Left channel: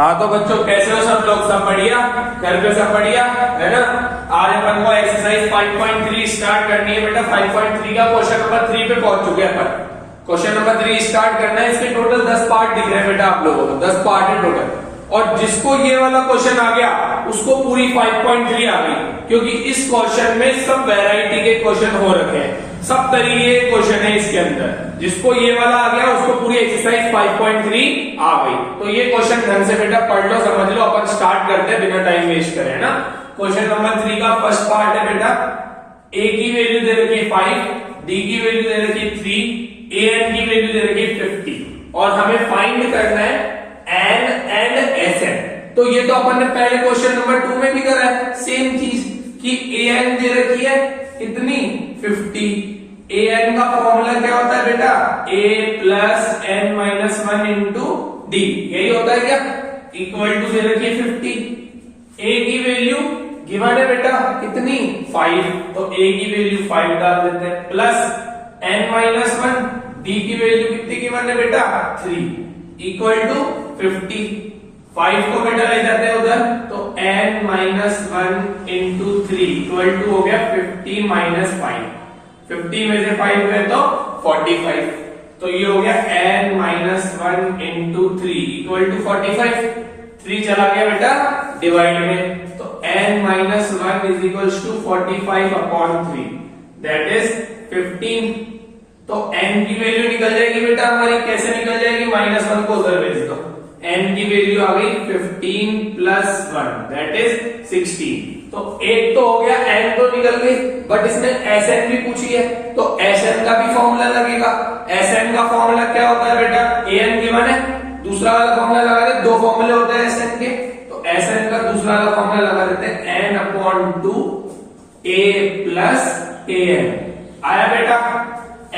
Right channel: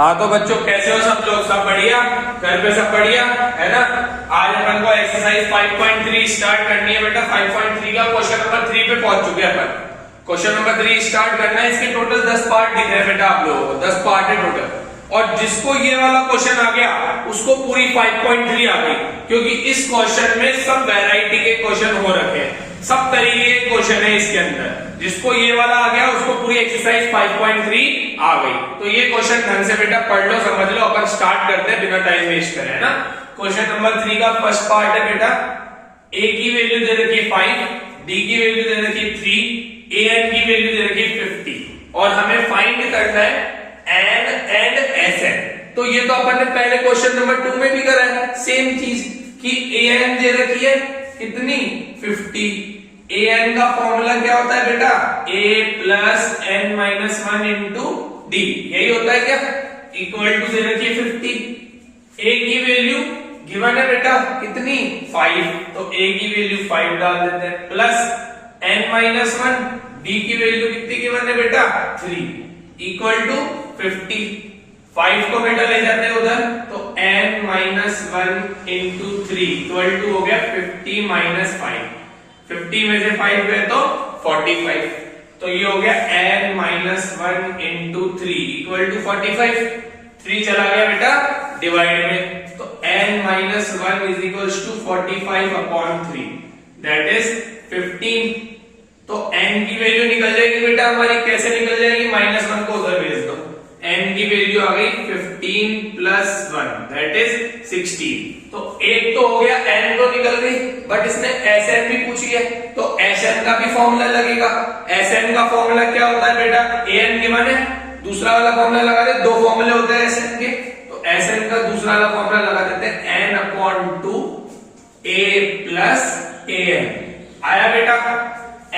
हाँ तो बच्चों कैसे हो सब लोग, सब बढ़िया, घर पे सब बढ़िया है ना। आज अपन को एक्सरसाइज 5.3 स्टार्ट करनी है बेटा। 5.3 का क्वेश्चन नंबर 3 पे पहुंच चुके हैं अपन। क्वेश्चन नंबर 3 स्टार्ट करना है। इसके टोटल 10 पार्ट दिख रहे हैं बेटा आप लोगों को, 10 पार्ट है टोटल। और जिसको ये वाला क्वेश्चन आ गया उसको पूरी 5.3 आ गई, क्योंकि इस क्वेश्चन में सब वैरायटी के क्वेश्चन हो रखे हैं, सब तरीके के क्वेश्चन है इसके अंदर। जिसको ये वाला आ गया उसको पूरी एक्सरसाइज 5.3 आ गई। तो ये क्वेश्चन ढंग से बेटा पढ़ लो, समझ लो। अपन स्टार्ट करते हैं बिना टाइम वेस्ट करे, है ना। क्वेश्चन नंबर 3 का फर्स्ट पार्ट है बेटा। ए की वैल्यू दे रखी है 5, डी की वैल्यू दे रखी है 3, ए एन की वैल्यू दे रखी है 50 और हमें फाइंड करना है एन एंड एस एन। तो ये तो अपन ने पहले क्वेश्चन नंबर 2 में भी करा है सेम चीज कि ए एन दे रखी है कितनी 50। ए एन का फॉर्मूला क्या होता है बेटा, a plus n minus 1 into d, यही होता है क्या, इक्वल टू दे रखी है 50। ए की वैल्यू गिवन है बेटा कितनी 5, तो ए की वैल्यू 5 डाल देते हैं, प्लस एन माइनस 1, डी की वैल्यू कितनी गिवन है बेटा 3, इक्वल टू 50। 5 को बेटा ले जाते हैं उधर, तो n minus 1 into 3 equal to हो गया 50 माइनस 5। 50 में से 5 गए तो 45, तो ये हो गया n minus 1 into 3 equal to 45। 3 चला गया बेटा डिवाइड में, तो n minus 1 is equal to 45 upon 3 that is 15। तो n की वैल्यू निकल जाएगी बेटा हमारी, कैसे निकल जाएगी, -1 को उधर भेज दो, n की वैल्यू आ गई 15 प्लस 1 दैट इज 16। तो एक तो हो गया, n तो निकल गई, बट इसने Sn भी पूछी है, तो Sn का भी फॉर्मूला लगेगा। Sn का फॉर्मूला क्या होता है बेटा, an गिवन है, दूसरा वाला फॉर्मूला लगा दे, दो फॉर्मूले होते हैं Sn के, तो Sn का दूसरा वाला फॉर्मूला लगा देते हैं n upon 2 a plus an। आया बेटा,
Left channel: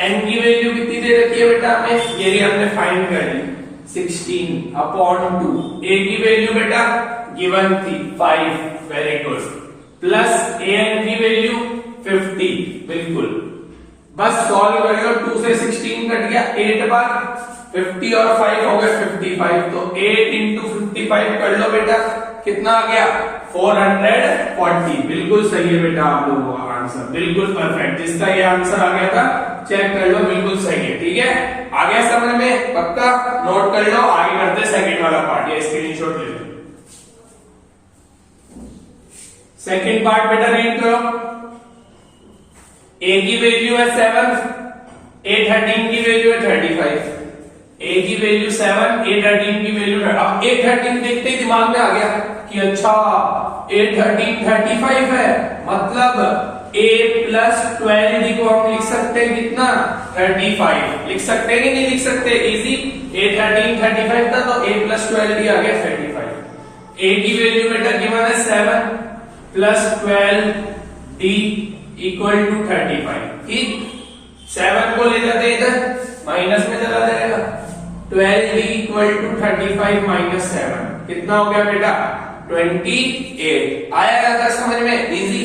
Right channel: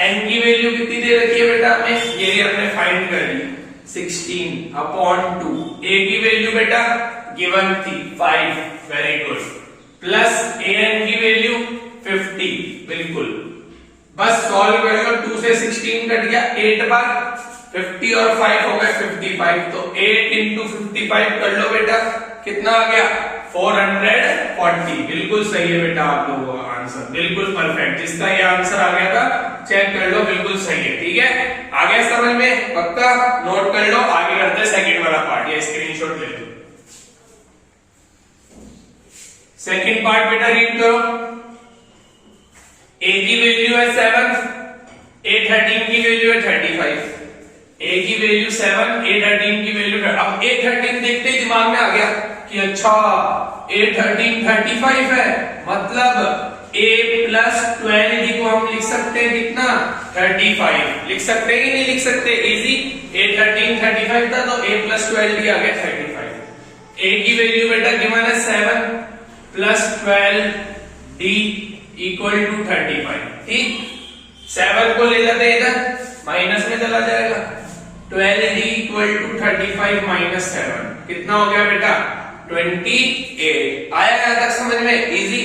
n की वैल्यू कितनी दे रखी है बेटा हमें, ये भी हमने फाइंड कर ली 16 अपॉन 2। a की वैल्यू बेटा गिवन थी 5, वेरी गुड, प्लस an की वैल्यू 50, बिल्कुल। बस सॉल्व कर लो, 2 से 16 कट गया 8 बार, 50 और 5 हो गए 55, तो 8 इंटू 55 कर लो बेटा, कितना आ गया 440। बिल्कुल सही है बेटा आप लोगों का आंसर, बिल्कुल परफेक्ट। जिसका ये आंसर आ गया था चेक कर लो, बिल्कुल सही है, ठीक है। आ गया समझ में, पक्का नोट कर लो। आगे करते हैं सेकंड वाला पार्ट, या स्क्रीनशॉट ले लो। सेकंड पार्ट बेटा रीड करो। a की वैल्यू है 7, a13 की वैल्यू है 35। a की वैल्यू 7, a13 की वैल्यू, अब a13 देखते ही दिमाग में आ गया कि अच्छा a13 35 है, मतलब a प्लस 12d को हम लिख सकते हैं कितना 35, लिख सकते हैं कि नहीं लिख सकते, इजी। a13 35 था, तो a प्लस 12d आ गया 35। a की वैल्यू बेटा गिवन है 7 प्लस 12d इक्वल टू 35, ठीक। 7 को ले जाते हैं इधर, माइनस में चला जाएगा, 12d इक्वल टू 35 माइनस 7 कितना हो गया बेटा 28। आया क्या तक समझ में, इजी।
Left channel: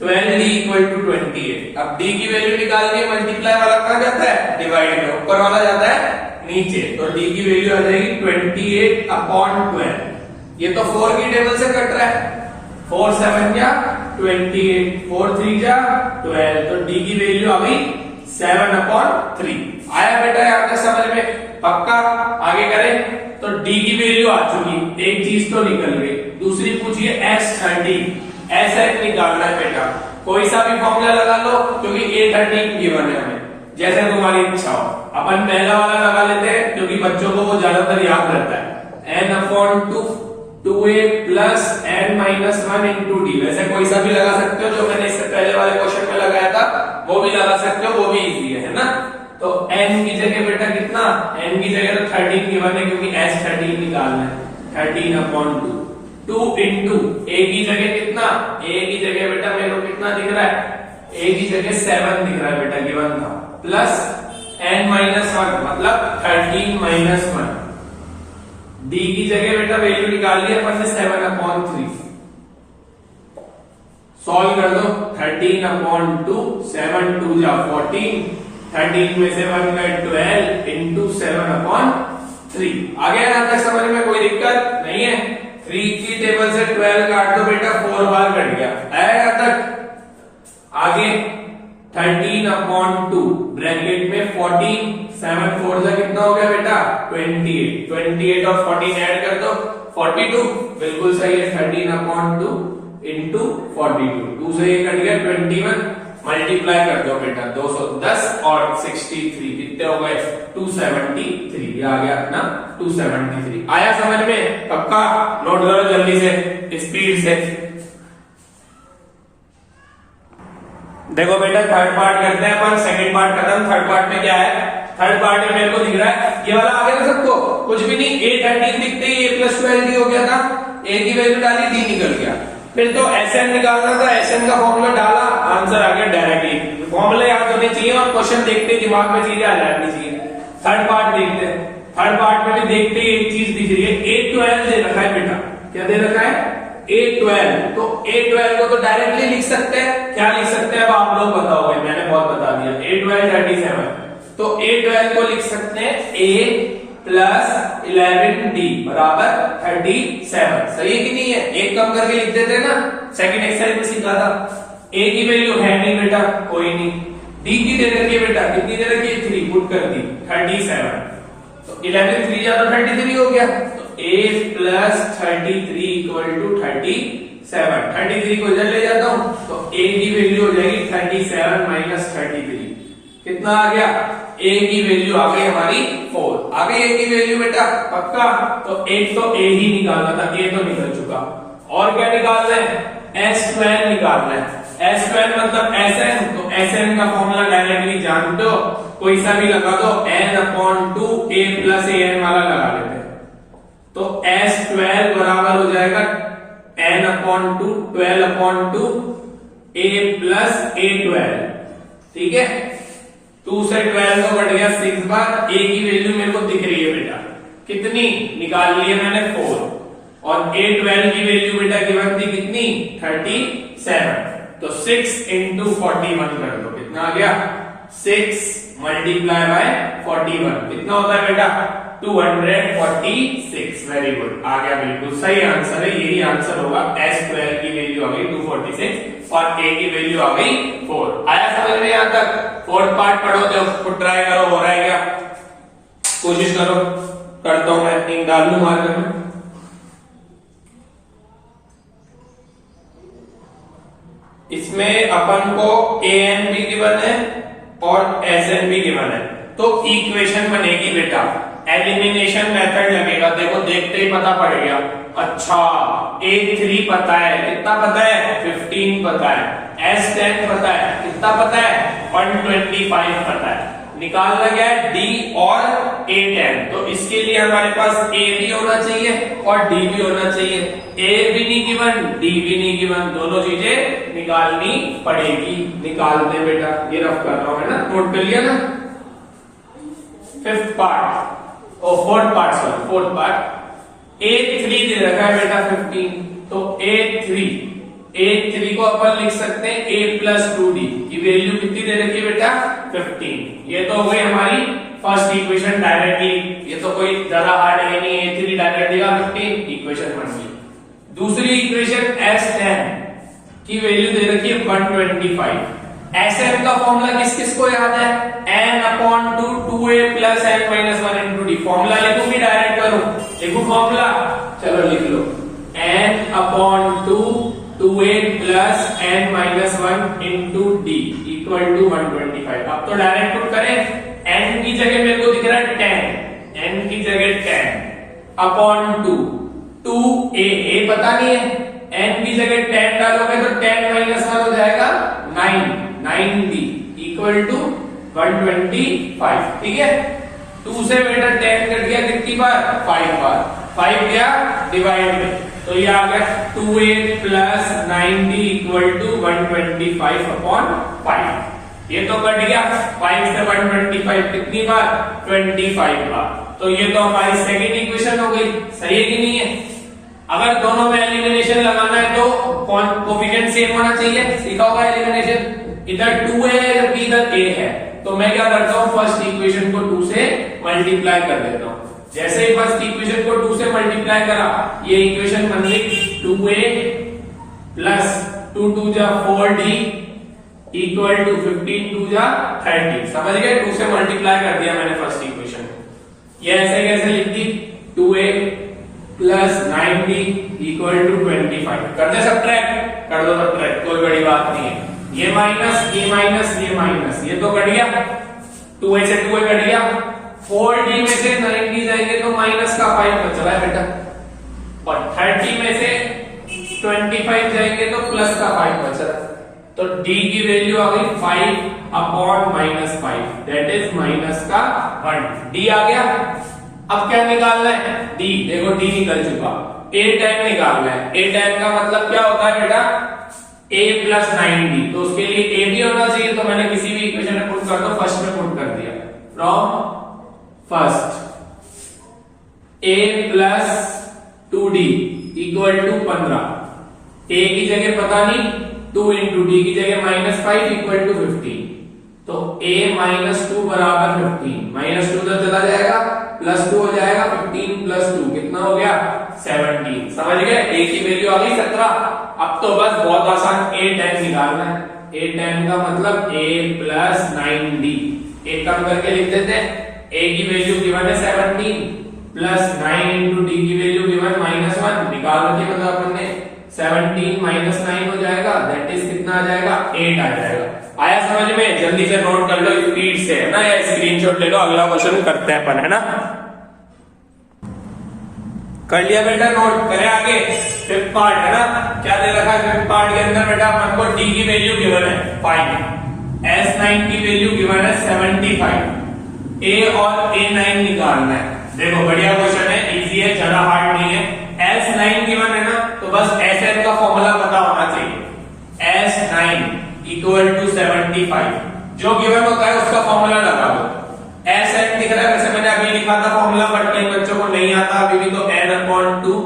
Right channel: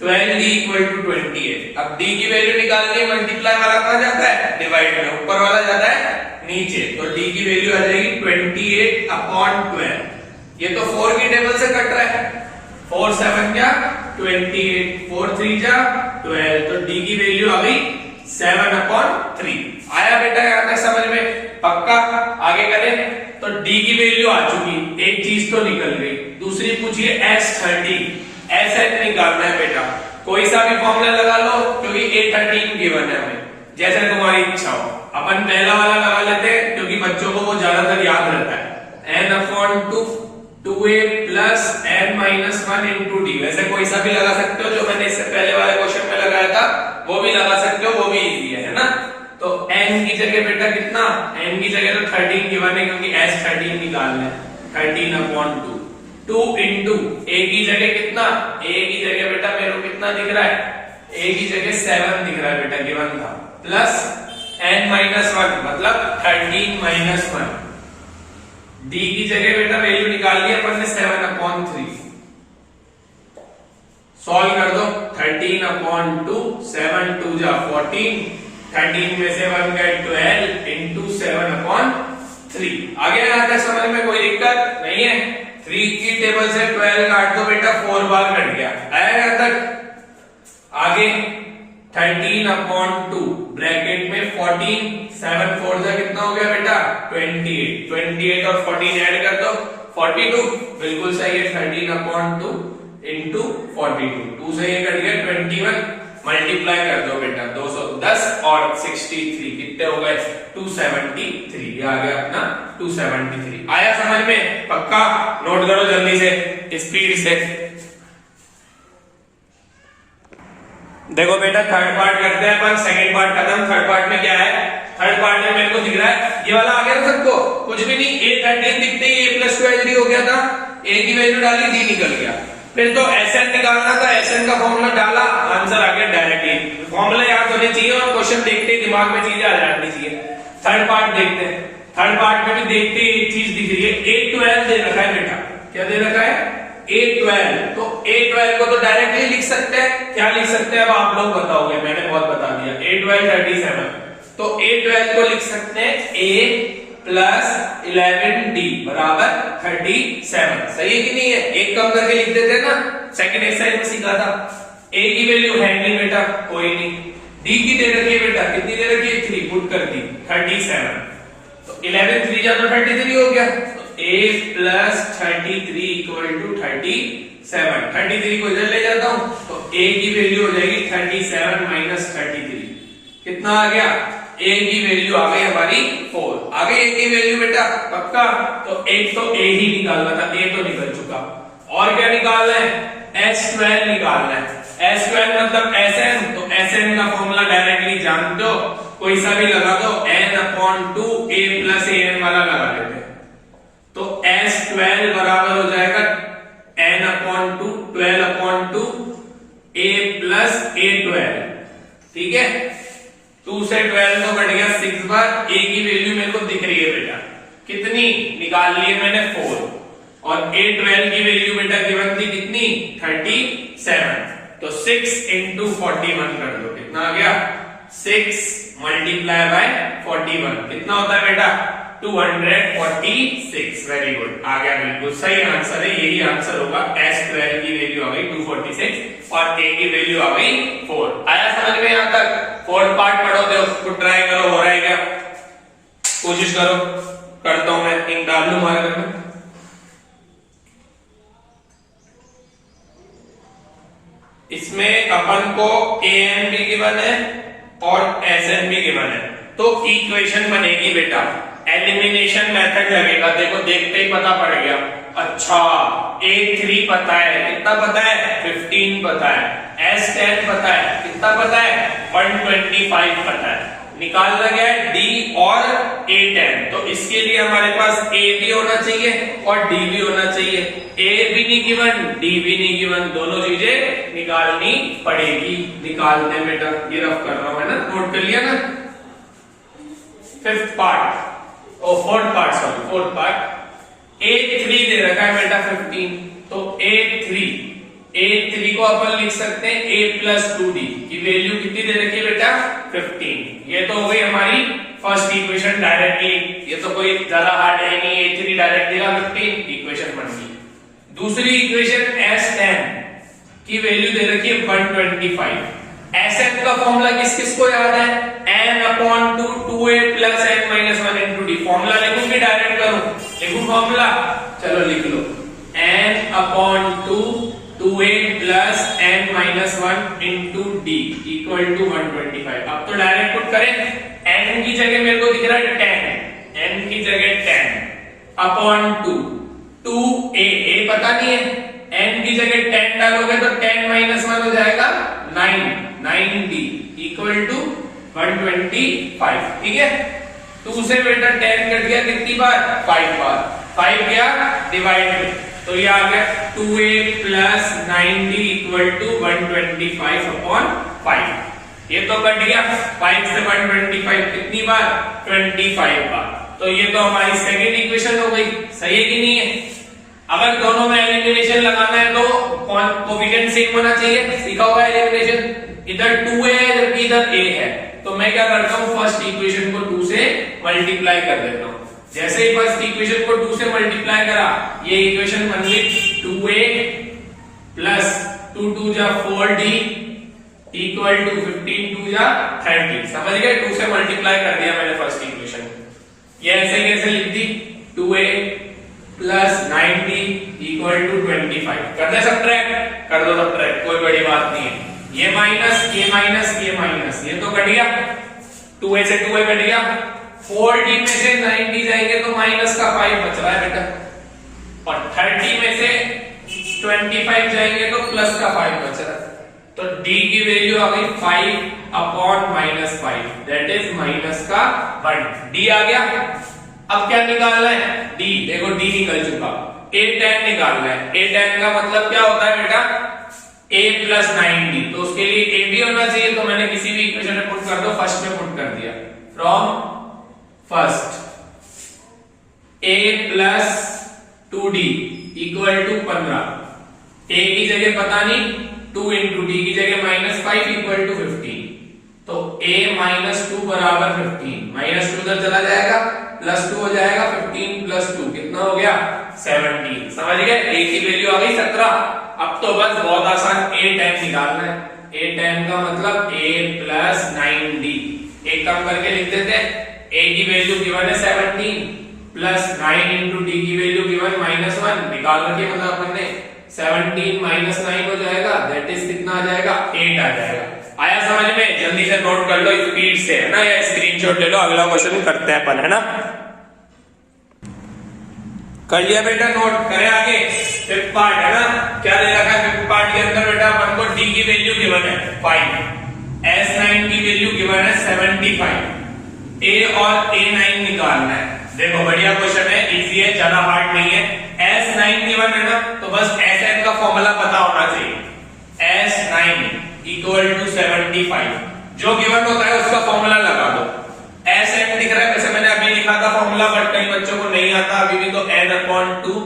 12d equal to 28। अब d की वैल्यू निकालनी है, मल्टीप्लाई वाला कहां जाता है, डिवाइड में, ऊपर वाला जाता है नीचे, तो d की वैल्यू आ जाएगी 28 अपॉन 12। ये तो 4 की टेबल से कट रहा है, 4 7 क्या 28, 4 3 जा 12, तो d की वैल्यू आ गई 7 अपॉन 3। आया बेटा यहाँ तक समझ में, पक्का। आगे करें, तो d की वैल्यू आ चुकी, एक चीज तो निकल गई। दूसरी पूछिए S13, Sn निकालना है बेटा, कोई सा भी फॉर्मूला लगा लो, क्योंकि a13 गिवन है हमें, जैसे तुम्हारी इच्छा हो। अपन पहला वाला लगा लेते हैं, क्योंकि बच्चों को वो ज्यादातर याद रहता है, n upon 2a plus n minus 1 into D. वैसे कोई सा भी लगा सकते हो, जो मैंने इससे पहले वाले क्वेश्चन में लगाया था वो भी लगा सकते हो, वो भी इजी है ना। तो n की जगह बेटा कितना, n की जगह तो 13 गिवन है, क्योंकि S13 निकालना है, 13 अपॉन 2। 2 इंटू a की जगह कितना, a की जगह बेटा मेरे को कितना दिख रहा है, a की जगह 7 दिख रहा है बेटा, गिवन था, प्लस n माइनस 1 मतलब 13 माइनस 1। d की जगह बेटा वैल्यू निकाल ली अपन ने 7 अपॉन 3, सॉल्व कर दो, 13 अपॉन 2, 7 2 जा 14, 13 में से 1 गए 12 इंटू 7 अपॉन 3। आ गया ना समझ में, कोई दिक्कत नहीं नहीं है। 3 की टेबल से 12 काट दो बेटा, 4 बार कट गया, आया यहाँ तक। आगे 13/2 ब्रैकेट में 14, 7 4 से कितना हो गया बेटा 28, 28 और 14 ऐड कर दो 42, बिल्कुल सही है। 13/2 इंटू 42, 2 से ये कट गया 21, मल्टीप्लाई कर दो बेटा 210 और 63 कितने हो गए 273, ये आ गया अपना 273। आया समझ में? पक्का नोट करो जल्दी से, स्पीड से। देखो बेटा थर्ड पार्ट करते हैं अपन, सेकंड पार्ट खत्म, थर्ड पार्ट में क्या है? थर्ड पार्ट में मेरे को दिख रहा है ये वाला आ गया ना सबको, कुछ भी नहीं, a13 दिखते ही a + 12d हो गया था, a की वैल्यू डाली d निकल गया। फिर तो Sn निकालना था, Sn का फॉर्मूला डाला, आंसर आ गया डायरेक्टली। फॉर्मूला याद होने चाहिए और क्वेश्चन देखते ही दिमाग में चीजें आ जानी चाहिए। थर्ड पार्ट देखते हैं, थर्ड पार्ट में भी देखते ही एक चीज दिख रही है, a12 दे रखा है बेटा, क्या दे रखा है a12, तो a12 को तो डायरेक्टली लिख सकते हैं, क्या लिख सकते हैं अब आप लोग बताओगे, मैंने बहुत बता दिया। a12 37, तो a12 को लिख सकते हैं a + 11d बराबर 37, सही है कि नहीं है? एक कम करके लिख देते ना, सेकंड एक्सरसाइज में सीखा था। a की वैल्यू है नहीं बेटा, कोई नहीं, d की दे रखी है बेटा, कितनी दे रखी है 3, पुट कर दी 37, तो 11 3 जा तो 33 हो गया, तो a + 33 = 37, 33 को इधर ले जाता हूं तो a की वैल्यू हो जाएगी 37 - 33, कितना आ गया? a की वैल्यू आ गई हमारी 4, आ गई a की वैल्यू बेटा, पक्का। तो एक तो a ही निकालना था, a तो निकल चुका, और क्या निकालना है? S12 निकालना है। S12 मतलब Sn, तो Sn का फॉर्मूला डायरेक्टली जानते हो, कोई सा भी लगा दो, n/2 a + an वाला लगा लेते हैं, तो S12 बराबर हो जाएगा n/2 12/2 a + a12, ठीक है। 2 से 12 तो कट गया 6 बार, a की वैल्यू मेरे को दिख रही है बेटा, कितनी निकाल ली है मैंने 4, और a12 की वैल्यू बेटा गिवन थी कितनी 37, तो 6 × 41 कर दो, कितना आ गया 6 × 41, कितना होता है बेटा 246, वेरी गुड, आ गया, बिल्कुल सही आंसर है, यही आंसर होगा। S12 की वैल्यू आ गई 246 और a की वैल्यू आ गई 4। आया समझ में यहां तक? फोर्थ पार्ट पढ़ो, तो ट्राई करो, हो रहा है क्या, कोशिश करो, करता हूं मैं, तीन डाल लू मार्कर में। इसमें अपन को an भी गिवन है और Sn भी गिवन है, तो इक्वेशन बनेगी बेटा, एलिमिनेशन मेथड लगेगा। देखो देखते ही पता पड़ गया, अच्छा a3 पता है, कितना पता है 15 पता है, S10 पता है, कितना पता है 125 पता है, निकालना गया है d और a10, तो इसके लिए हमारे पास a भी होना चाहिए और d भी होना चाहिए, a भी नहीं गिवन, d भी नहीं गिवन, दोनों चीजें निकालनी पड़ेगी। निकालते हैं बेटा, ये रफ कर रहा हूं, है ना, नोट कर लिया ना। Fifth part, fourth part, a3 दे रखा है बेटा 15, तो a3 को अपन लिख सकते हैं a + 2d की वैल्यू कितनी दे रखी है बेटा 15, ये तो हो गई हमारी फर्स्ट इक्वेशन डायरेक्टली, ये तो कोई ज्यादा हार्ड है नहीं, a3 डायरेक्ट देगा 15, इक्वेशन बन गई। दूसरी इक्वेशन S10 की वैल्यू दे रखी है 125, Sn का फॉर्मूला किस किस को याद है, n/2 2a + n - 1 × d, formula लिखूं कि डायरेक्ट करूं, लिखूं फॉर्मूला, चलो लिख लो, n/2 2a + n - 1 × d = 125। अब तो डायरेक्ट पुट करें, n की जगह मेरे को दिख रहा है 10, n की जगह 10/2 2a पता नहीं है, n की जगह 10 डालोगे तो 10 - 1 हो जाएगा 9d = 125, ठीक है। 2 से बेटा 10 कट गया कितनी बार 5 बार, 5 गया डिवाइड में, तो ये आ गया 2a + 9d = 125/5, ये तो कट गया 5 से 125 कितनी बार 25 बार, तो ये तो हमारी सेकंड इक्वेशन हो गई, सही है कि नहीं है। अगर दोनों में एलिमिनेशन लगाना है तो कोएफिशिएंट सेम होना चाहिए, सीखा होगा एलिमिनेशन, इधर 2 है जबकि इधर a है, तो मैं क्या करता हूं फर्स्ट इक्वेशन को 2 से मल्टीप्लाई कर देता हूं, जैसे ही फर्स्ट इक्वेशन को 2 से मल्टीप्लाई करा, ये इक्वेशन बन गई 2a प्लस 2 2 जा 4d इक्वल टू 15 2 जा 30। समझ गए? 2 से मल्टीप्लाई कर दिया मैंने फर्स्ट इक्वेशन। ये ऐसे कैसे लिख दी, 2a plus 9d equal to 25। कर दे सब्ट्रैक्ट, कर दो सब्ट्रैक्ट, कोई बड़ी बात नहीं है। ये माइनस ये माइनस ये माइनस, ये तो कट गया, 2a से 2a कट गया। 4d में से 9d जाएंगे तो माइनस का 5 बच रहा है बेटा, और 30 में से 25 जाएंगे तो प्लस का 5 बच रहा है। तो d की वैल्यू आ गई 5 upon minus 5, that is minus का 1। d आ गया। अब क्या निकालना है, d, देखो d निकल चुका, a tan निकालना है। a tan का मतलब क्या होता है बेटा, a प्लस 9d, तो उसके लिए a भी होना चाहिए, तो मैंने किसी भी इक्वेशन में पुट कर दो, फर्स्ट में पुट कर दिया, from first a plus 2d equal to 15। a की जगह पता नहीं, 2 इंटू डी की जगह -5 इक्वल टू 15, तो a माइनस 2 बराबर 15, माइनस 2 उधर चला जाएगा, प्लस 2 हो जाएगा, 15 प्लस 2 कितना हो गया 17। समझ गए? a की वैल्यू आ गई 17। अब तो बस बहुत आसान a tan निकालना है। a tan का मतलब a प्लस 9d, एक कम करके लिख देते हैं। a की वैल्यू गिवन है 17 प्लस 9 इंटू डी की वैल्यू गिवन -1, निकाल रखिए, मतलब अपन ने 17 माइनस 9 हो जाएगा, दैट इज कितना आ जाएगा 8 आ जाएगा। आया समझ में? जल्दी से नोट कर लो स्पीड से, है ना, या स्क्रीनशॉट ले लो, अगला क्वेश्चन करते हैं अपन, है ना। कर लिया बेटा नोट? करें आगे। फिफ्थ पार्ट है ना, क्या दे रखा है फिफ्थ पार्ट के अंदर बेटा, अपन को डी की वैल्यू गिवन है 5, S9 की वैल्यू गिवन है 75, a और a9 निकालना है। देखो बढ़िया क्वेश्चन है, इजी है, ज्यादा हार्ड नहीं है। S9 गिवन है ना, तो बस Sn का फॉर्मूला पता होना चाहिए। S9 इक्वल टू 75, जो गिवन होता है उसका फॉर्मूला लगा दो। Sn दिख रहा है, वैसे मैंने अभी लिखा था फॉर्मूला, बट कई बच्चों को नहीं आता अभी भी, तो n upon 2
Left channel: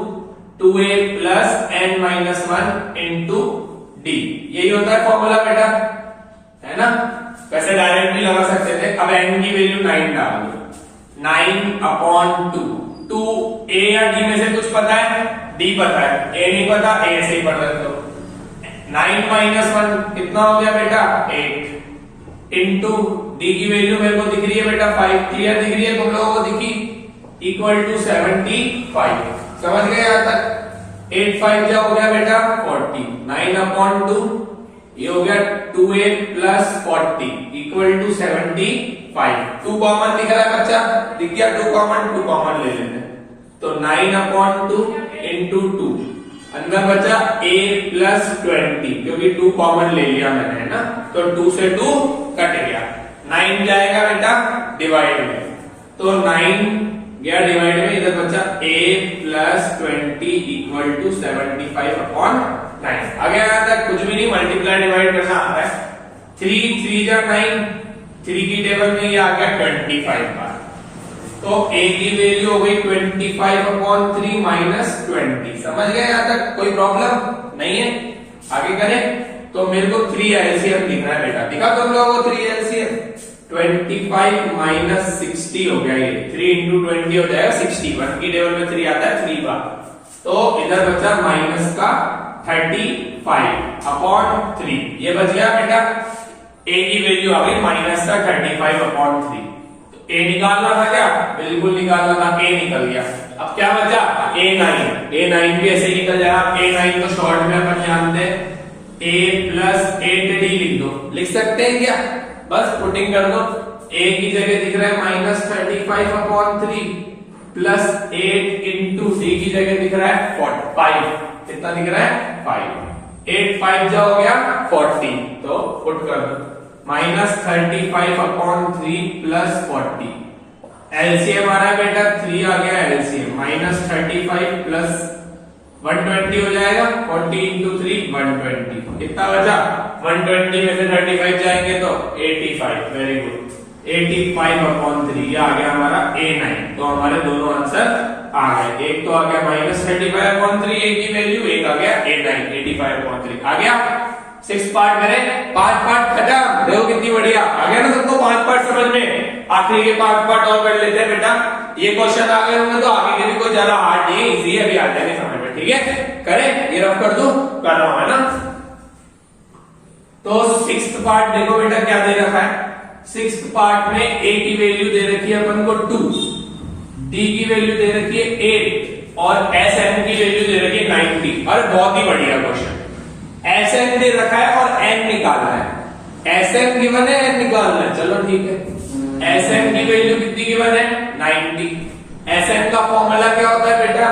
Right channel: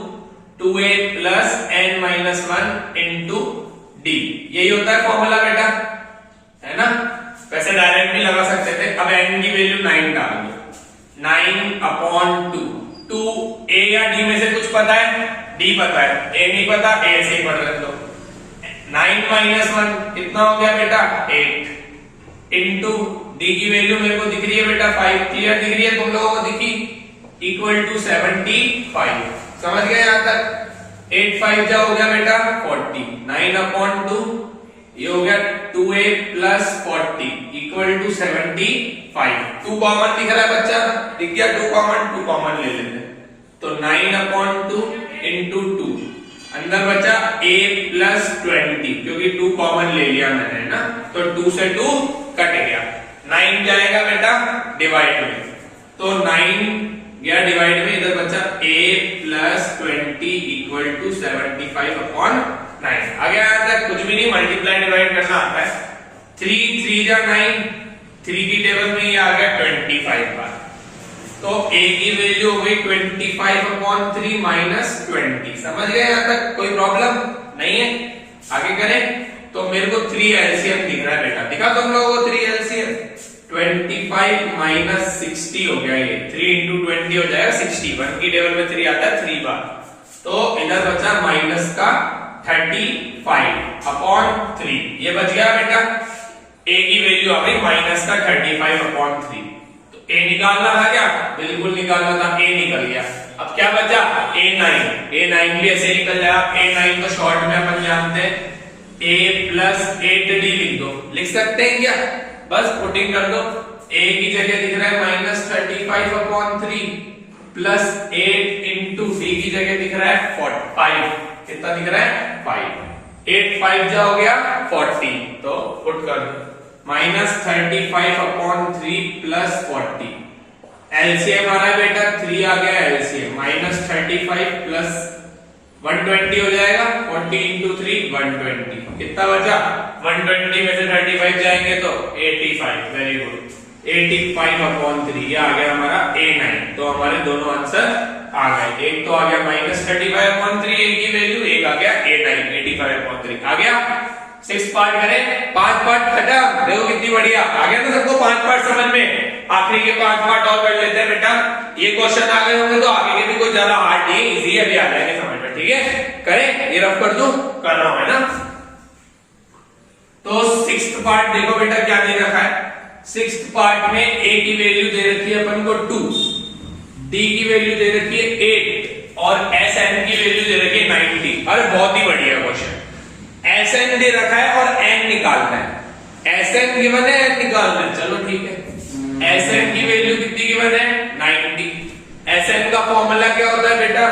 2a plus n minus 1 into d, यही होता है फॉर्मूला बेटा, है ना। वैसे डायरेक्ट भी लगा सकते थे। अब n की वैल्यू 9 डाल दो, 9 अपॉन 2, 2 a या d में से कुछ पता है, d पता है, a नहीं पता, a से ही पढ़ रहे तो 9 माइनस 1 कितना हो गया बेटा 8, इंटू d की वैल्यू मेरे को दिख रही है बेटा 5, क्लियर दिख रही है तुम लोगों को, दिखी, इक्वल टू 75। समझ गए यहाँ तक? 8 5 जा हो गया बेटा 40, 9 अपॉन 2 ये हो गया 2a plus 40 equal to 75। 2 common दिख रहा है बच्चा, दिख गया 2 कॉमन ले लेते हैं, तो 9 अपॉन 2 इंटू 2, अंदर बचा a प्लस 20, क्योंकि 2 कॉमन ले लिया मैंने, है ना, तो 2 से 2 कट गया, 9 जाएगा बेटा डिवाइड में, तो 9 गया डिवाइड में, इधर बचा a plus 20 equal to 75 upon 9। आगे आता है, कुछ भी नहीं, मल्टीप्लाई डिवाइड करना आता है। 3 3 जा 9, 3 की टेबल में ये आ गया 25 बार, तो a की वैल्यू हो गई 25 अपॉन 3 माइनस 20। समझ गए यहाँ तक? कोई प्रॉब्लम नहीं है? आगे करें। तो मेरे को 3 एलसीएम दिख रहा है बेटा, दिखा तुम लोगों को 3 एलसीएम, 25 माइनस 60 हो गया, ये 3 इंटू 20 हो जाएगा 60, 1 की टेबल में 3 आता है 3 बार, तो इधर बचा माइनस का 35 अपॉन 3, ये बच गया बेटा। a की वैल्यू आ गई माइनस का 35 अपॉन 3, तो a निकालना था क्या? बिल्कुल निकालना था, a निकल गया। अब क्या बचा? a9 भी ऐसे निकल जाएगा। a9 को शॉर्ट में अपन जानते हैं a प्लस 8d लिख दो, लिख सकते हैं क्या? बस पुटिंग कर दो, a की जगह दिख रहा है minus 35 upon 3 plus 8 into d की जगह दिख रहा है 5, कितना दिख रहा है 5, 8 5 जा हो गया 40, तो पुट कर दो माइनस 35 अपॉन 3 प्लस 40, एलसीएम आ रहा है बेटा 3 आ गया एलसीएम, माइनस 35 प्लस 120 हो जाएगा, 40 इंटू 3 120, कितना बचा? 120 में से 35 जाएंगे तो 85, वेरी गुड, 85 अपॉन 3, ये आ गया हमारा a9। तो हमारे दोनों आंसर आ गए, एक तो आ गया माइनस 35 अपॉन 3 a की वैल्यू, एक आ गया a9 85 अपॉन 3 आ गया। 6 पार्ट करें, 5 पार्ट खत्म। देखो कितनी बढ़िया आ गया ना सबको 5 पार्ट समझ में। आखिरी के 5 पार्ट और कर लेते हैं बेटा। ये क्वेश्चन आ गए होंगे तो आगे के भी कोई ज्यादा हार्ड नहीं, इजी है, अभी आ जाएंगे समझ में। ठीक है, करें, ये रफ कर दूं, कर रहा हूं, है ना। तो 6th पार्ट देखो बेटा क्या दे रखा है। 6th पार्ट में a की वैल्यू दे रखी है अपन को 2, d की वैल्यू दे रखी है 8 और sn की वैल्यू दे रखी है 90। अरे बहुत ही बढ़िया क्वेश्चन। sn दे रखा है और n निकालना है। sn गिवन है, n निकालना है, चलो ठीक है। sn की वैल्यू कितनी गिवन है? 90। sn का फॉर्मूला क्या होता है बेटा?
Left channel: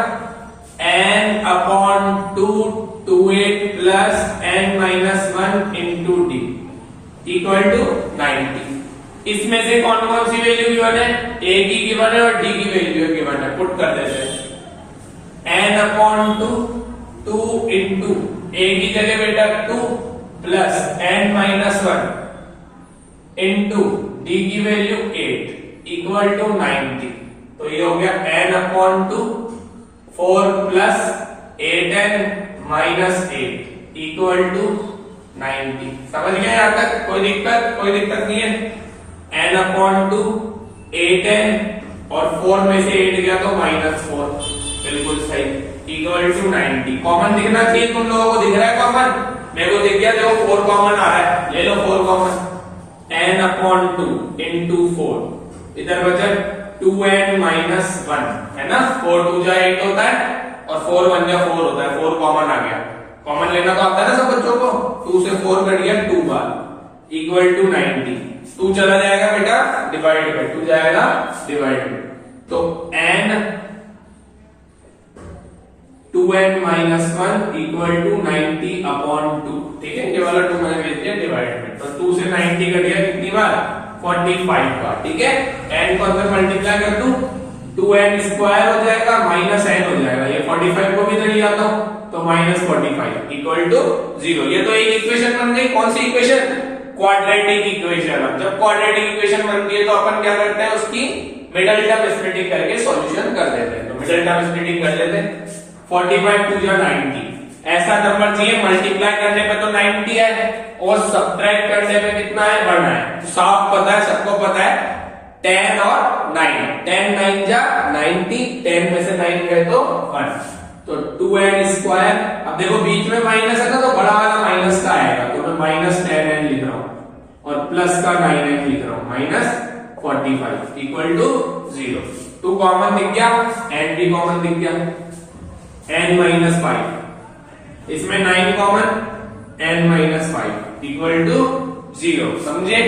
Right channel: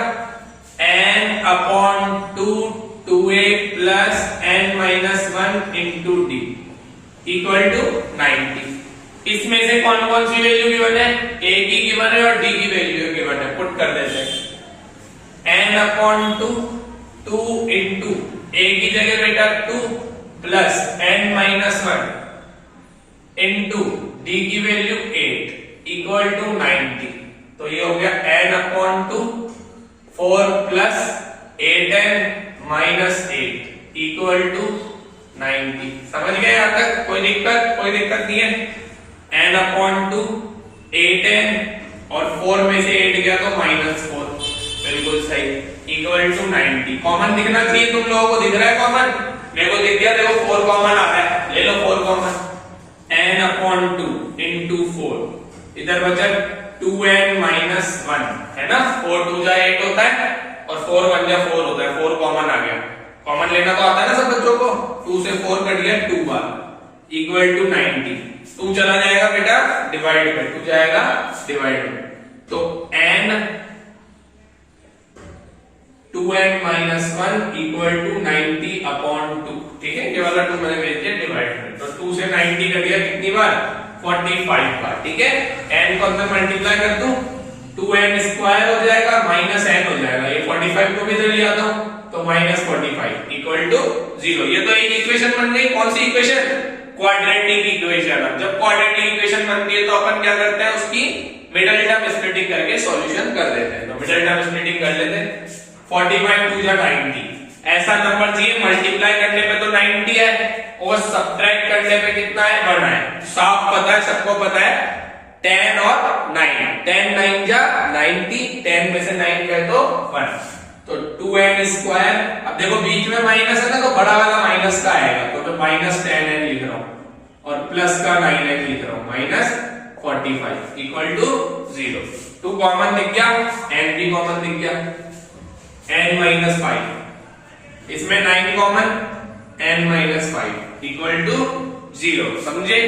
n upon 2 2a plus n minus 1 into d equal to 90। इसमें से कौन कौन सी वैल्यू गिवन है? a की गिवन है और d की वैल्यू गिवन है। पुट कर देते हैं n अपॉन 2 2 इंटू a की जगह बेटा 2 plus n minus 1 into d की वैल्यू 8 इक्वल टू 90। तो ये हो गया n upon 2 4 plus 8n minus 8 equal to 90। समझ गए यहां तक? कोई दिक्कत नहीं है। n अपॉन 2 8n और 4 में से 8 गया तो माइनस 4, बिल्कुल सही, इक्वल टू 90। कॉमन दिखना चाहिए तुम लोगों को, दिख रहा है कॉमन? मेरे को दिख गया, देखो 4 कॉमन आ रहा है, ले लो 4 कॉमन। n अपॉन 2 इंटू 4, इधर बचा 2n माइनस 1, है ना। 4 2 जा 8 होता है और 4 1 जा 4 होता है। 4 कॉमन आ गया। कॉमन लेना तो आता है ना सब बच्चों को। 2 से 4 कट गया 2 बार, इक्वल टू 90। 2 चला जाएगा बेटा डिवाइड बाय 2 जाएगा डिवाइड बाय, तो n 2n minus 1 equal to 90 upon 2। ठीक है, ये वाला 2 मैंने भेज दिया डिवाइड बाय, तो 2 से 90 कट गया कितनी बार? 45 बार। ठीक है, n को अंदर मल्टीप्लाई कर दूं 2n स्क्वायर हो जाएगा माइनस n हो जाएगा। ये 45 को भी इधर ले आता हूं तो माइनस 45 इक्वल टू 0। ये तो एक इक्वेशन बन गई। कौन सी इक्वेशन? Quadratic equation. अब जब क्वाड्रेटिक इक्वेशन बनती है तो अपन क्या करते हैं, उसकी मिडल टर्म स्प्लिटिंग करके सॉल्यूशन कर देते हैं। तो मिडल टर्म स्प्लिटिंग कर लेते हैं। 45 2 जा 90, ऐसा नंबर चाहिए। मल्टीप्लाई करने पे तो 90 है और सब्ट्रैक्ट करने पे कितना है? 1 है। साफ पता है, सबको पता है 10 और 9। 10 9 जा 90, 10 में से 9 गए तो 1, तो 2n स्क्वायर। अब देखो बीच में माइनस है ना, तो बड़ा वाला माइनस का आएगा, तो मैं माइनस 10n लिख रहा हूं और प्लस का 9n लिख रहा हूं, माइनस 45 इक्वल टू 0। 2 कॉमन दिख गया, n भी कॉमन दिख गया, n माइनस 5। इसमें 9 common, n minus 5 equal to 0। समझे?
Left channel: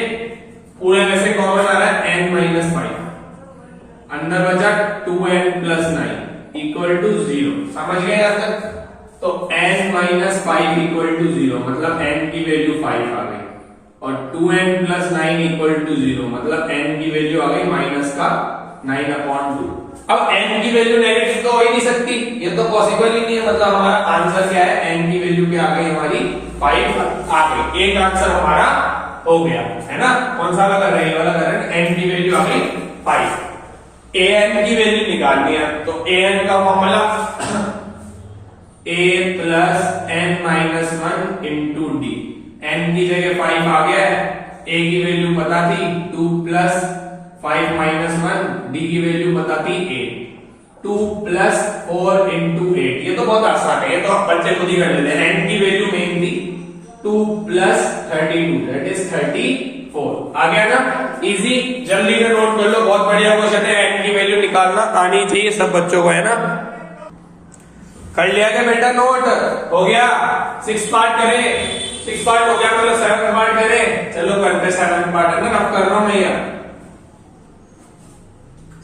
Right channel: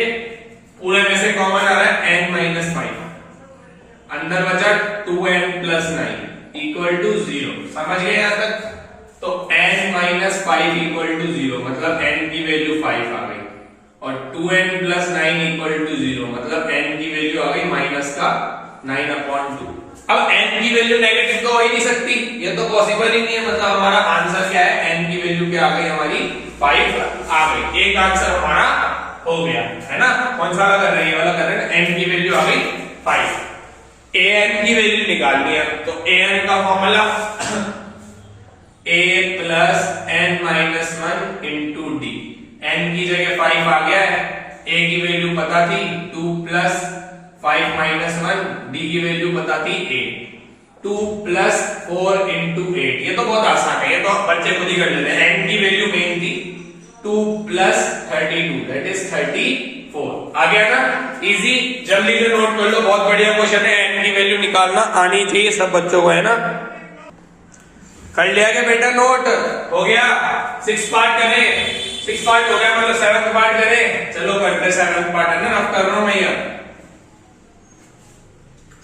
पूरे में से कॉमन आ रहा है n माइनस 5, अंदर बचा 2n प्लस 9 इक्वल टू 0। समझ गए यहां तक? तो n माइनस 5 इक्वल टू 0 मतलब n की वैल्यू 5 आ गई, और 2n प्लस 9 इक्वल टू 0 मतलब n की वैल्यू आ गई माइनस का 9 अपॉन 2। अब n की वैल्यू नेगेटिव तो हो ही नहीं सकती, ये तो पॉसिबल ही नहीं है। मतलब हमारा आंसर क्या है? n की वैल्यू क्या आ गई हमारी? 5 आ गई। एक आंसर हमारा हो गया, है ना। कौन सा वाला कर रहे हैं? वाला कर रहे हैं। n की वैल्यू आ गई 5। an की वैल्यू निकालनी है, तो an का formula a plus n minus 1 into D. n की जगह 5 आ गया है, a की वैल्यू पता थी 2 प्लस 5 माइनस 1, डी की वैल्यू पता थी 8। 2 प्लस 4 इंटू 8, ये तो बहुत आसान है, ये तो बच्चे खुद ही कर लेते हैं। n की वैल्यू मेन थी 2 प्लस 32 दैट इज 34। आ गया ना? इजी, जल्दी से नोट कर लो, बहुत बढ़िया क्वेश्चन है। n की वैल्यू निकालना आनी चाहिए सब बच्चों को, है ना। कर लिया क्या बेटा? नोट हो गया। 6 पार्ट करें, 6 पार्ट हो गया मतलब 7th पार्ट करें। चलो करते 7th पार्ट, है ना। अब कर रहा हूं मैं यार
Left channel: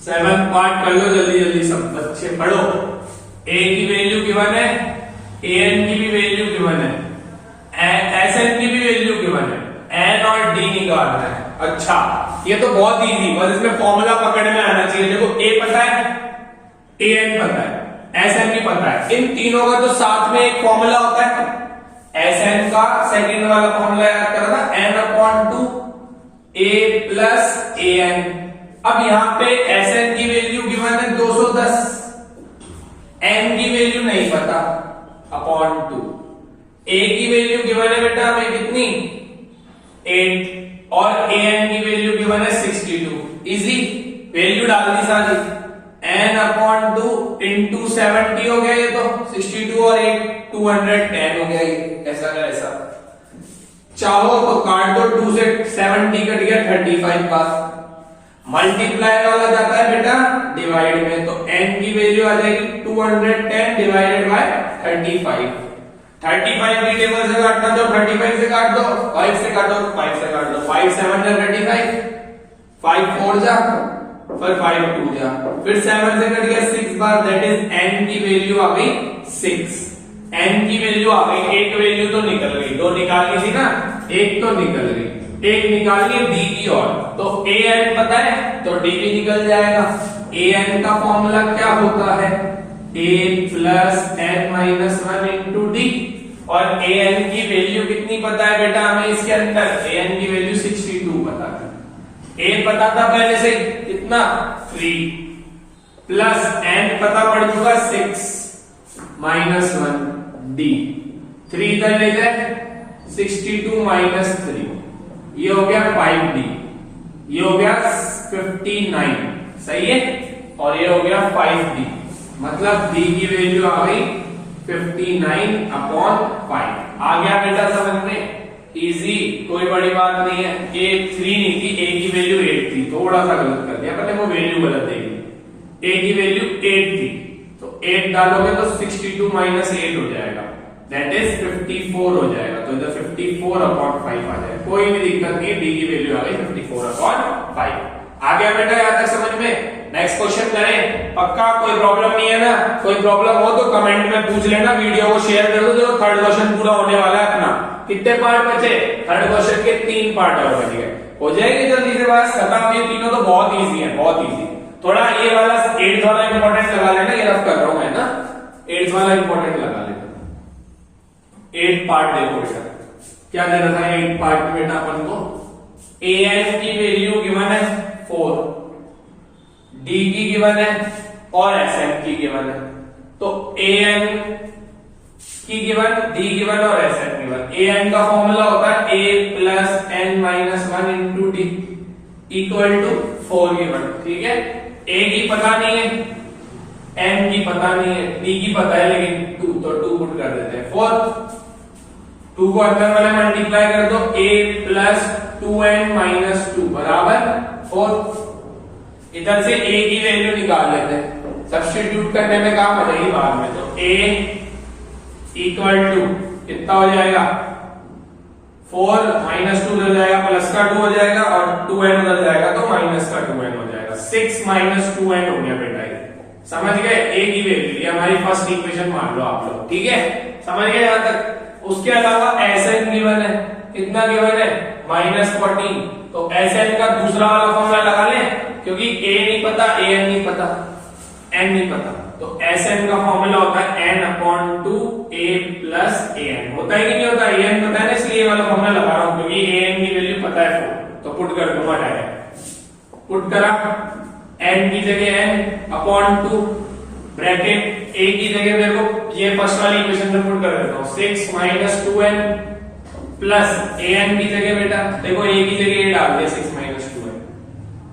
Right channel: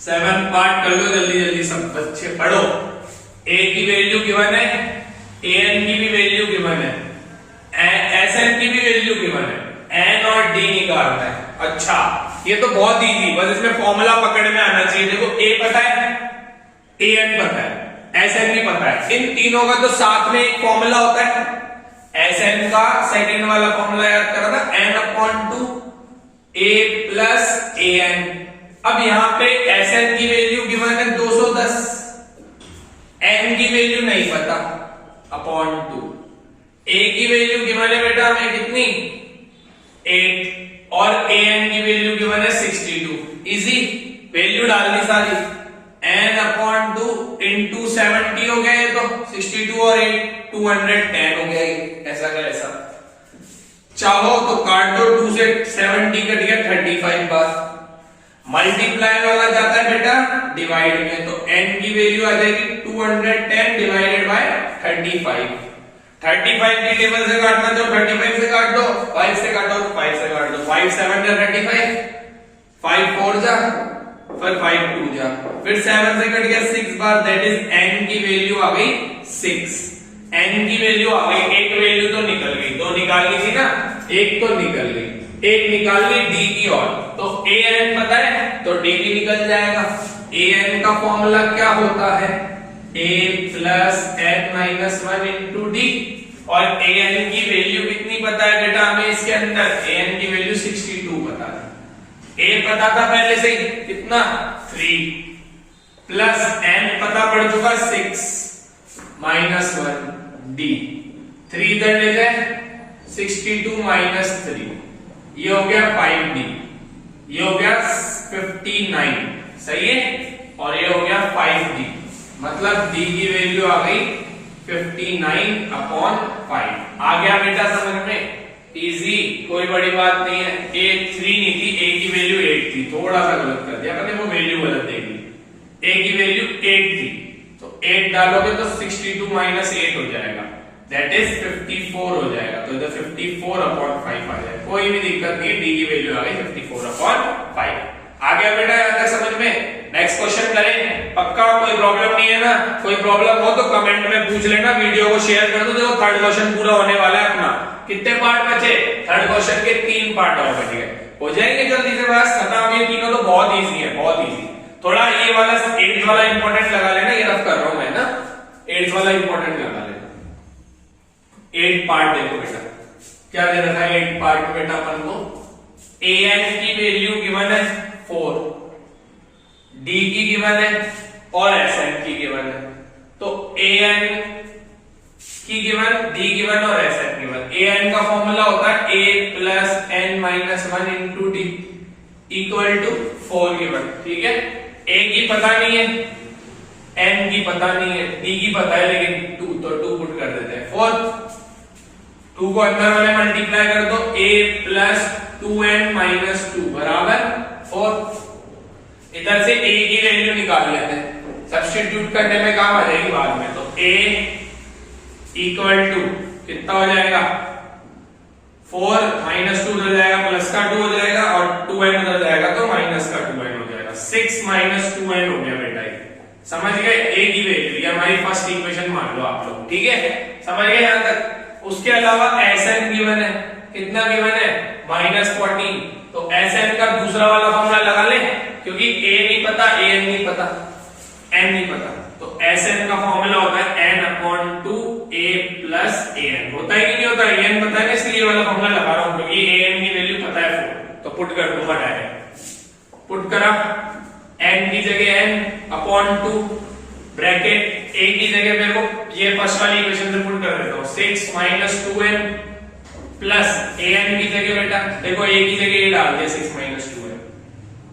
7th पार्ट, कर लो जल्दी जल्दी सब बच्चे पढ़ो। a की वैल्यू गिवन है, an की भी वैल्यू गिवन है, sn की भी वैल्यू गिवन है, n और d निकालना है। अच्छा, ये तो बहुत इजी, बस इसमें फॉर्मूला पकड़ में आना चाहिए। देखो a पता है, an पता है, sn भी पता है। इन तीनों का तो साथ में एक फॉर्मूला होता है। sn का सेकंड वाला फॉर्मूला याद करना, n upon 2 a plus an। अब यहां पे sn की वैल्यू गिवन है 210, n की वैल्यू नहीं पता, अपॉन 2 ए की वैल्यू गिवन है बेटा हमें कितनी 8 और ए एन की वैल्यू गिवन है 62। इजी वैल्यू डाल दी सारी n अपॉन 2 इंटू 70 हो गया ये तो 62 और 8 210 हो गया ये ऐसा का ऐसा। चाहो तो काट दो 2 से 70 कट गया 35 बार। मल्टीप्लाई वाला जाता है बेटा डिवाइड में तो n की वैल्यू आ जाएगी 210 डिवाइडेड बाय 35। 35 की टेबल से काटना तो 35 से काट दो 5 से काटो तो 5 से काट दो 5 7 जा 35 5 4 जा फिर 5 2 जा फिर 7 से कट गया 6 बार दैट इज n की वैल्यू आ गई 6। n की वैल्यू आ गई एक वैल्यू तो निकल गई दो निकालनी थी ना एक तो निकल गई एक निकाल ली d की और तो a n पता है तो d भी निकल जाएगा। a n का फॉर्मूला क्या होता है a plus n minus 1 into D और a n की वैल्यू कितनी पता है बेटा हमें इसके अंदर a n की वैल्यू 62 पता थी। a पता था पहले से कितना 3 प्लस n पता पड़ चुका 6 माइनस 1 d 3 इधर ले जाए 62 माइनस 3 ये हो गया 5d ये हो गया 59 सही है और ये हो गया 5d मतलब d की वैल्यू आ गई 59 अपॉन 5। आ गया बेटा समझ में इजी कोई बड़ी बात नहीं है। a 3 नहीं थी a की वैल्यू 8 थी थोड़ा सा गलत कर दिया मैंने वो वैल्यू गलत दे दी a की वैल्यू 8 थी तो 8 डालोगे तो 62 माइनस 8 हो जाएगा दैट इज 54 हो जाएगा तो इधर 54 अपॉन 5 आ जाएगा। कोई भी दिक्कत नहीं d की वैल्यू आ गई 54 अपॉन 5। आ गया बेटा यहां तक समझ में। नेक्स्ट क्वेश्चन करें पक्का कोई प्रॉब्लम नहीं है ना कोई प्रॉब्लम हो तो कमेंट में पूछ लेना वीडियो को शेयर कर दो। देखो थर्ड क्वेश्चन पूरा होने वाला है अपना कितने पार्ट बचे थर्ड क्वेश्चन के 3 पार्ट और बच गए हो जाएंगे जल्दी से बस खत्म। ये तीनों तो बहुत इजी है बहुत इजी। थोड़ा ये वाला 8th वाला इंपॉर्टेंट लगा लेना ये रफ कर रहा हूं मैं ना 8th वाला इंपॉर्टेंट लगा लेना। 8 पार्ट देखो बेटा क्या दे रखा है 8 पार्ट में बेटा अपन को a n की वैल्यू गिवन है 4 d की गिवन है और s n की गिवन है तो a n की गिवन d गिवन और s n given. a n का फॉर्मूला होता है a plus n minus 1 into d equal to 4 given ठीक है। a की पता नहीं है n की पता नहीं है d की पता है लेकिन 2 तो 2 पुट कर देते हैं 4 2 को अंदर वाले मल्टीप्लाई कर दो a प्लस 2n माइनस 2 बराबर 4। इधर से a की वैल्यू निकाल लेते हैं सब्स्टिट्यूट करने में काम आ जाएगी बाद में तो a इक्वल टू कितना हो जाएगा 4 माइनस 2 उधर जाएगा प्लस का 2 हो जाएगा और 2n उधर जाएगा तो माइनस का 2n हो जाएगा 6 माइनस 2n हो गया बेटा ये समझ गए। a की वैल्यू ये हमारी फर्स्ट इक्वेशन मान लो आप लोग ठीक है समझ गए यहां तक। उसके अलावा sn गिवन है कितना गिवन है -14 तो sn का दूसरा वाला फॉर्मूला लगा लें क्योंकि a नहीं पता an नहीं पता n नहीं पता तो sn का फॉर्मूला होता है n upon 2 a plus an होता है कि नहीं होता an पता है ना इसलिए ये वाला फॉर्मूला लगा रहा हूं क्योंकि an की वैल्यू पता है 4 तो पुट कर दूंगा डायरेक्ट पुट करा n की जगह n अपॉन 2 ब्रैकेट a की जगह मेरे को ये फर्स्ट वाली इक्वेशन में पुट कर देता हूं 6 माइनस 2n प्लस an की जगह बेटा देखो a की जगह a डाल दिया 6 माइनस 2n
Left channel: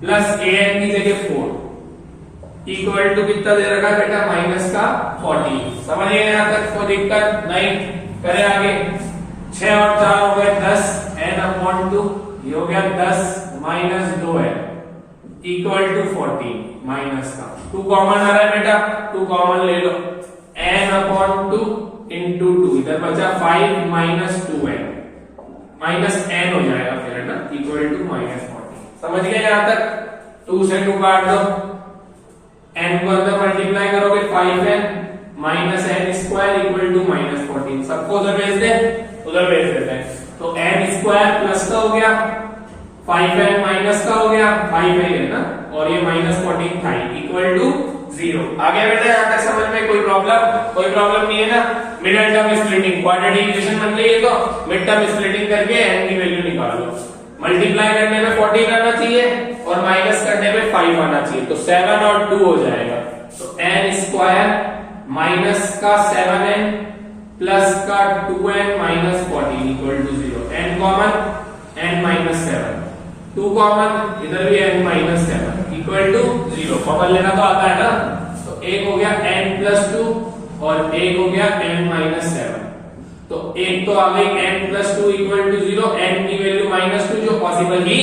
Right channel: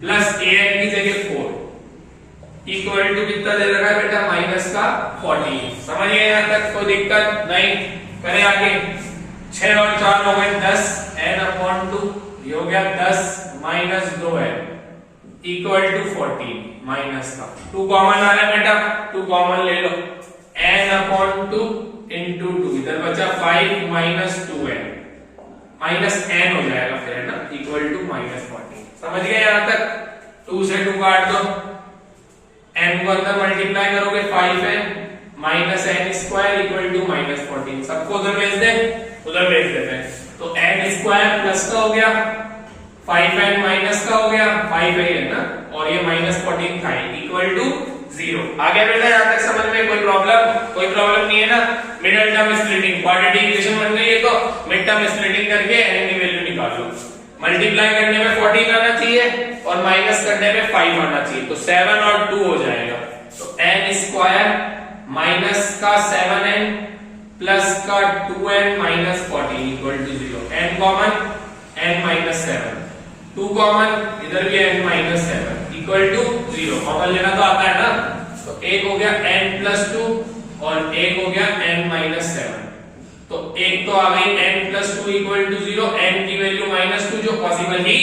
प्लस an की जगह 4 इक्वल टू कितना दे रखा है बेटा माइनस का 14। समझिए यहां तक कोई दिक्कत नहीं। करें आगे 6 और 4 हो गए 10 n अपॉन 2 ये हो गया 10 minus 2n equal to 14 minus का 2 कॉमन आ रहा है बेटा 2 कॉमन ले लो n अपॉन 2 इंटू 2 इधर बचा 5 माइनस 2n माइनस n हो जाएगा फिर है ना इक्वल टू माइनस 14। समझ गए यहां तक 2 से 2 काट दो n को अंदर मल्टीप्लाई करोगे 5n minus n square equal to minus 14 सबको उधर भेज दे उधर भेज देते हैं तो n स्क्वायर प्लस का हो गया 5n माइनस का हो गया 5 है ना और ये माइनस 14 था इक्वल टू 0। आगे बेटा यहां तक समझ में कोई प्रॉब्लम नहीं है ना। Middle term splitting quadratic equation बन गई है तो मिड टर्म स्प्लिटिंग करके n की वैल्यू निकालो। मल्टीप्लाई करने में 14 आना चाहिए और माइनस करने में 5 आना चाहिए तो 7 और 2 हो जाएगा तो n स्क्वायर माइनस का 7n प्लस का 2n minus 14 equal to 0। n common n minus 7, 2 common इधर भी n minus 7 equal to 0। Common लेना तो आता है ना, तो एक हो गया n प्लस 2 और एक हो गया n माइनस 7। तो एक तो आ गई n plus 2 equal to 0, n की वैल्यू माइनस 2 जो पॉसिबल ही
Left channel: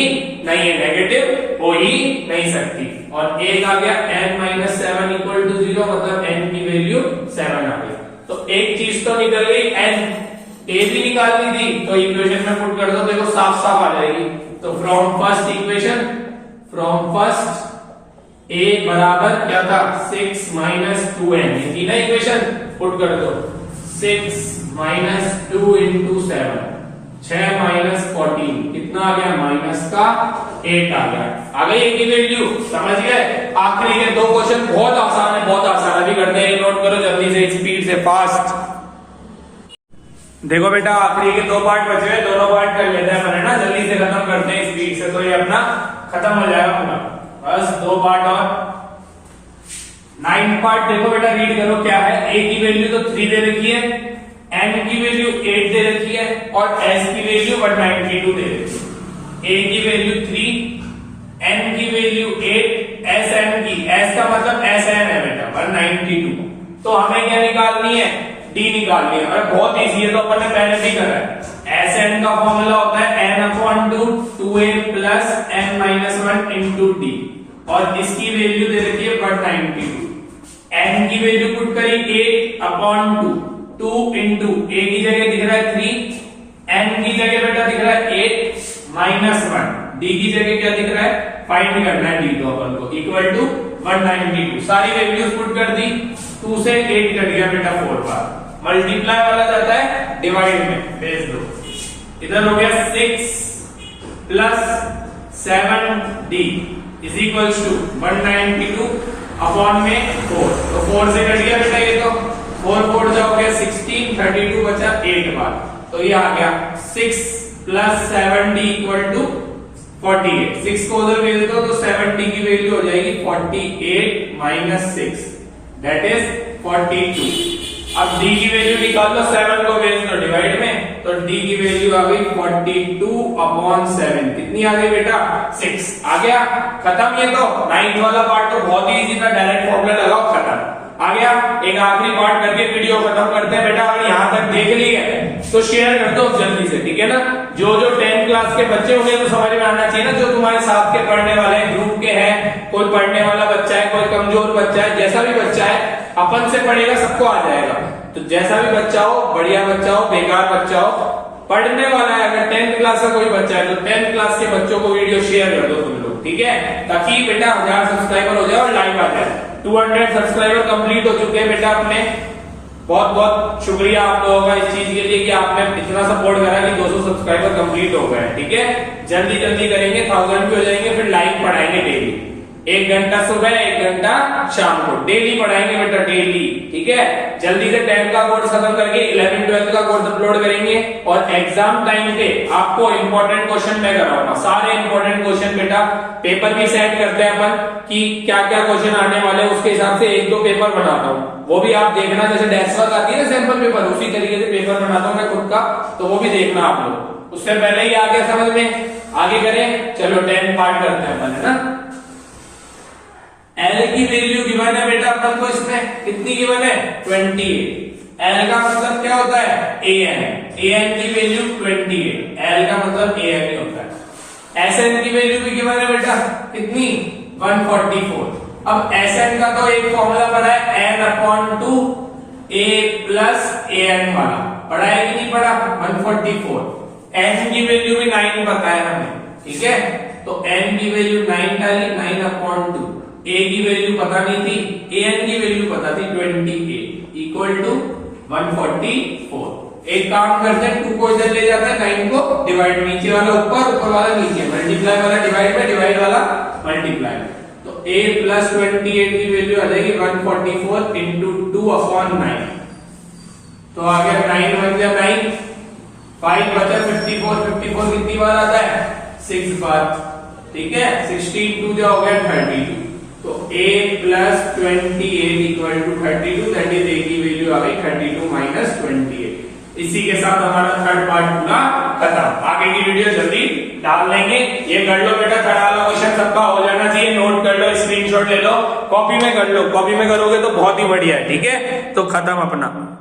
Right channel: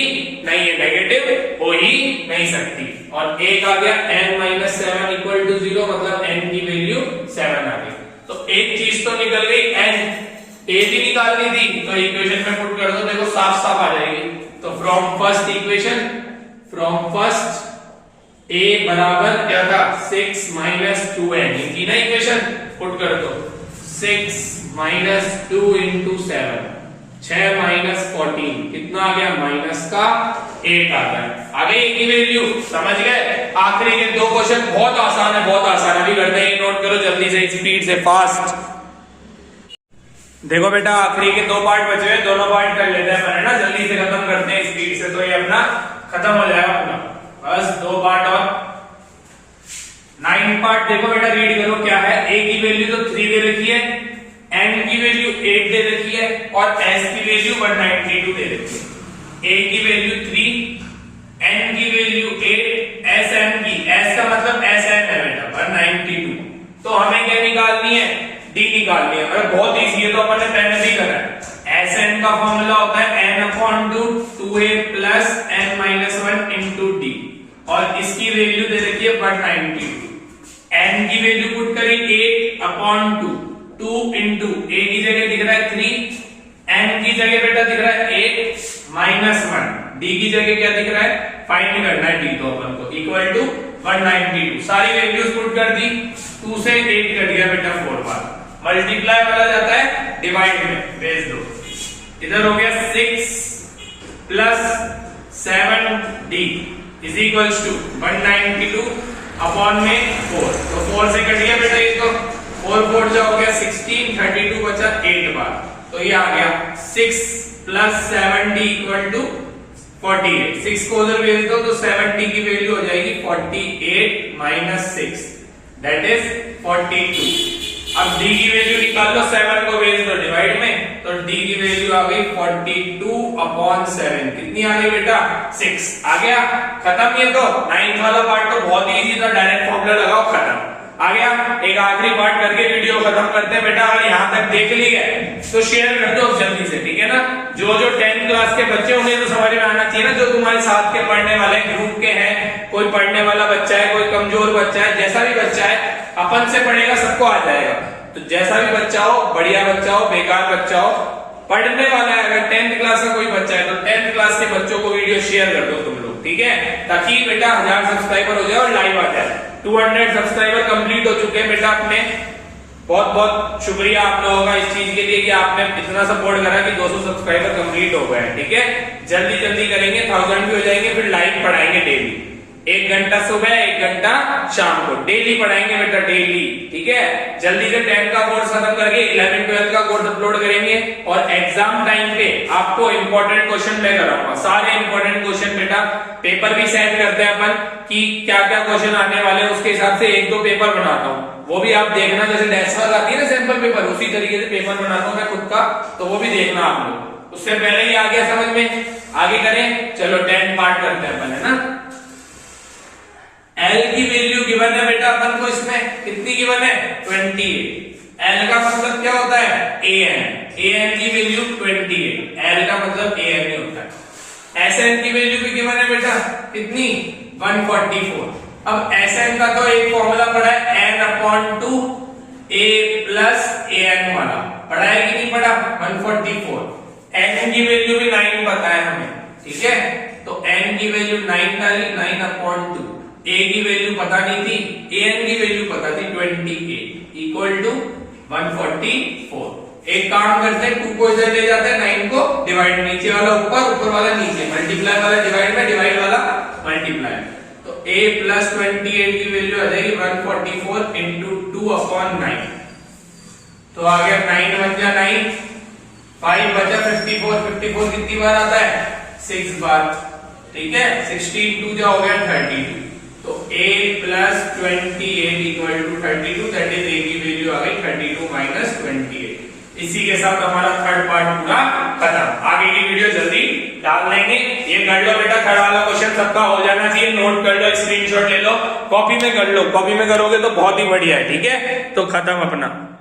नहीं है, नेगेटिव हो ही नहीं सकती। और एक आ गया n माइनस 7 इक्वल टू 0, मतलब n की वैल्यू 7 आ गई। तो एक चीज तो निकल गई, n a भी निकालनी थी, तो इक्वेशन में पुट कर दो, देखो साफ साफ आ जाएगी। तो from first equation, from first a बराबर क्या था 6 माइनस 2n, थी ना इक्वेशन, पुट कर दो 6 माइनस 2 इंटू 7, 6 माइनस 14 कितना आ गया, माइनस का 8 आ गया। आ गई एक ही वैल्यू, समझ गए। आखिरी के दो क्वेश्चन बहुत आसान है, बहुत आसान, अभी करते हैं, नोट करो जल्दी से, स्पीड से, फास्ट। देखो बेटा आखिरी के दो पार्ट बचे हुए, दोनों पार्ट कर लेते हैं अपने ना, जल्दी से खत्म करते हैं स्पीड से, तो ये अपना खत्म हो जाएगा पूरा। बस दो पार्ट और 9 पार्ट। देखो बेटा रीड करो क्या है, a की वैल्यू तो 3 दे रखी है, n की वैल्यू 8 दे रखी है और s की वैल्यू 192 दे रखी है। a की वैल्यू 3, n की वैल्यू 8, sn की, s का मतलब sn है बेटा 192। तो हमें क्या निकालनी है, d निकालनी है। अरे बहुत इजी है, तो अपन ने पहले भी करा है। sn का फॉर्मूला होता है n/2 2a plus n minus 1 into d, और इसकी वैल्यू दे रखी है 192। n की वैल्यू पुट करी 8/2, 2 इंटू a की जगह दिख रहा है 3, n की जगह बेटा दिख रहा है 8 माइनस 1, d की जगह क्या दिख रहा है, फाइंड करना है d तो अपन को, इक्वल टू 192। सारी वैल्यूज पुट कर दी, 2 से 8 कट गया बेटा 4 बार, मल्टीप्लाई वाला जाता है डिवाइड में, भेज दो। इधर हो गया 6 plus 7d is equals to 192 upon में 4, तो 4 से कट गया बेटा ये, तो 4 4 जाओगे 16, 32 बचा 8 बार, तो ये आ गया 6 प्लस 7d इक्वल टू 48। 6 को उधर भेज दो तो 7d की वैल्यू हो जाएगी 48 माइनस 6, दैट इज 42। अब d की वैल्यू निकाल लो, 7 को भेज दो डिवाइड में, तो d की वैल्यू आ गई 42/7, कितनी आ गई बेटा 6। आ गया, खत्म। ये तो 9th वाला पार्ट तो बहुत ही इजी था, डायरेक्ट फॉर्मूला लगाओ, खत्म। आ गया, एक आखिरी पार्ट करके वीडियो खत्म करते हैं बेटा। अगर यहाँ तक देख लिए तो शेयर कर दो जल्दी से, ठीक है ना। जो 10th क्लास के बच्चे उन्हें तो समझ में आना चाहिए ना, जो तुम्हारे साथ के पढ़ने वाले ग्रुप के हैं, कोई पढ़ने वाला बच्चा है, कोई कमजोर बच्चा है, जैसा भी बच्चा है अपन से पढ़ेगा सबको आ जाएगा। तो जैसा भी बच्चा हो, बढ़िया बच्चा हो, बेकार बच्चा हो, पढ़ने वाला है, अगर 10th क्लास का कोई बच्चा है तो 10th क्लास के बच्चों को वीडियो शेयर कर दो तुम लोग, ठीक है, ताकि बेटा 1000 सब्सक्राइबर हो जाए और लाइव आ जाए। 200 सब्सक्राइबर कंप्लीट हो चुके हैं बेटा अपने। बहुत बहुत शुक्रिया आप लोगों का इस चीज के लिए कि आपने इतना सपोर्ट करा कि 200 सब्सक्राइबर कंप्लीट हो गए, ठीक है। जल्दी जल्दी करेंगे, 1000 भी हो जाएंगे, फिर लाइव पढ़ाएंगे डेली, 1 घंटा सुबह 1 घंटा शाम को, डेली पढ़ाएंगे बेटा, डेली, ठीक है। जल्दी से 10 का कोर्स खत्म करके 11 12 का कोर्स अपलोड करेंगे, और एग्जाम टाइम पे आपको इंपॉर्टेंट क्वेश्चन मैं कराऊंगा, सारे इंपॉर्टेंट क्वेश्चन बेटा। पेपर भी सेट करते हैं अपन कि क्या क्या क्वेश्चन आने वाले हैं, उसके हिसाब से 1-2 पेपर बनाता हूँ, वो भी आप देखना। जैसे डेस्क वर्क आती है ना सैंपल पेपर, उसी तरीके से पेपर बनाता हूँ मैं खुद का, तो वो भी देखना आप लोग। उससे पहले ही आ गया समझ में, आगे करें, चलो 10 पार्ट करते हैं अपन, है ना। L की वैल्यू गिवन है बेटा अपन को, इसमें कितनी गिवन है 28। L का मतलब क्या होता है AN, AN की वैल्यू 28, L का मतलब AN ही होता है। SN की वैल्यू भी गिवन है बेटा, कितनी 144। अब SN का तो एक फॉर्मूला पढ़ा है n/2 a प्लस AN वाला, पढ़ा है कि नहीं पढ़ा, 144। N की वैल्यू भी 9 पता है हमें, ठीक है, तो N की वैल्यू 9 डाली, 9/2। A की वैल्यू पता नहीं थी, AN की वैल्यू पता थी 28 इक्वल टू 144। एक काम करते हैं, 2 को इधर ले जाते हैं, 9 को डिवाइड, नीचे वाला ऊपर, ऊपर वाला नीचे, मल्टीप्लाई वाला डिवाइड में, डिवाइड वाला मल्टीप्लाई। तो A प्लस 28 की वैल्यू आ जाएगी 144 इंटू 2/9, तो आ गया 9 बन गया 9, 5 बचा 54, 54 कितनी बार आता है 6 बार, ठीक है। 16 2 जो हो गया 32, तो a plus 28 equal to 32, that is a की वैल्यू आ गई 32 माइनस 28। इसी के साथ हमारा थर्ड पार्ट पूरा खत्म। आगे की वीडियो जल्दी डाल देंगे। ये कर लो बेटा, थर्ड वाला क्वेश्चन सबका हो जाना चाहिए, नोट कर लो, स्क्रीनशॉट ले लो, कॉपी में कर लो, कॉपी में करोगे तो बहुत ही बढ़िया है, ठीक है। तो खत्म अपना।